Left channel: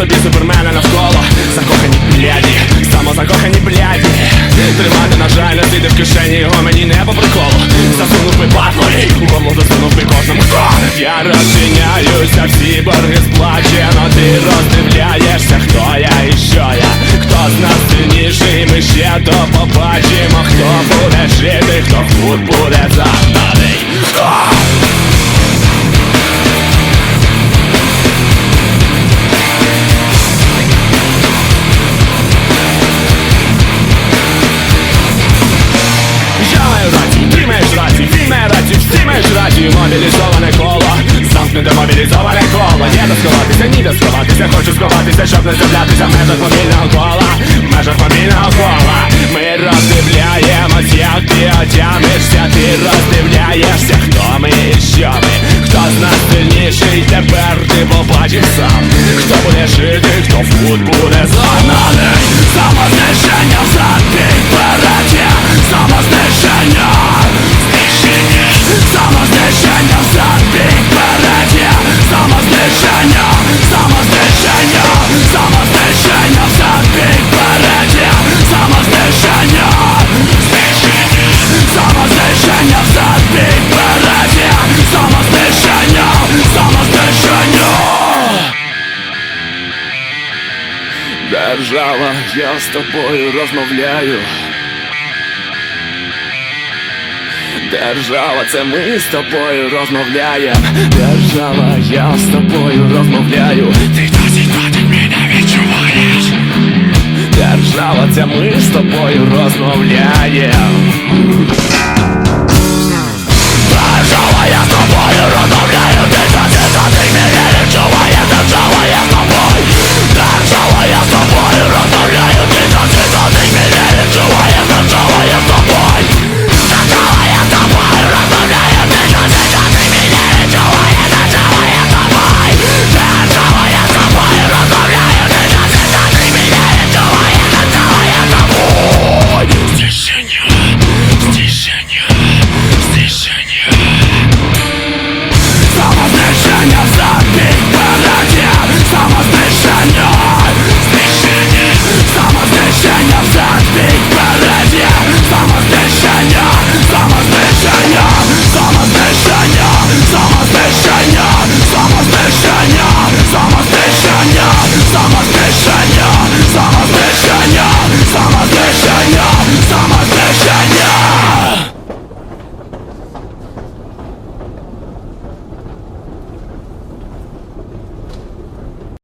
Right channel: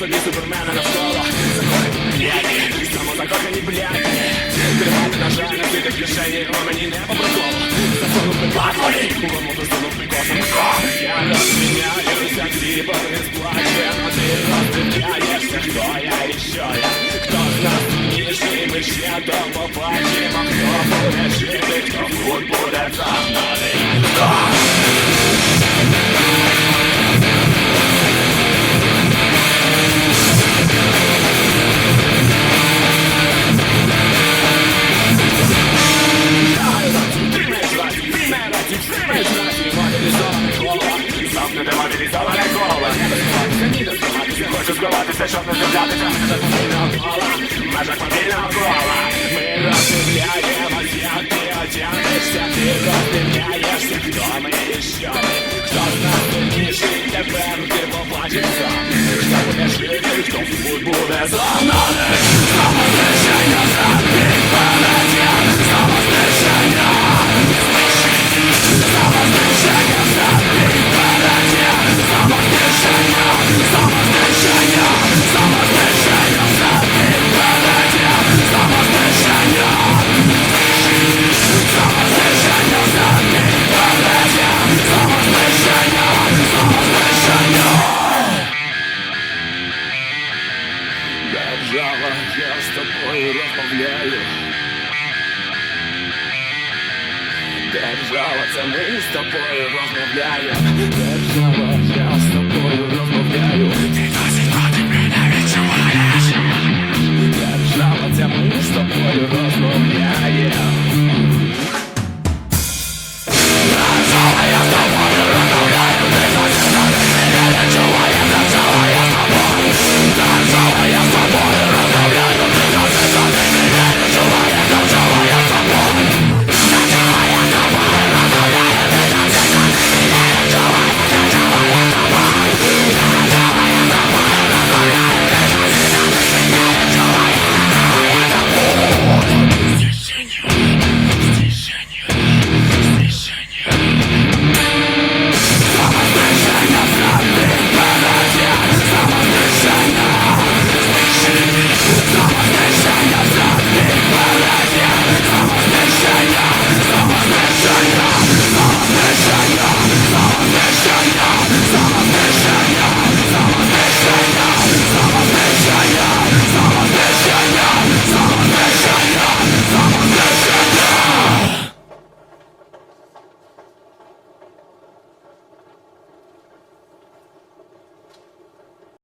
собі супермен. Мобілізоване коло. Є де сховатися, ніде сховатися, хочу сховатися, щоб не з'являтися в межах мобільного кола. В межах мобільного кола. Ми роздивляємось, як ти отямишся. Ти роздивляєшся, хто ми і що ми. Хто з нас сильніший, тепер ти побачив Держава, я з тобою розмовляю. Держава, це ми з тобою розмовляємо. Держава, я з тобою розмовляю. Ти досі тут мене відчуваєш. Держава, це ми з тобою розмовляємо.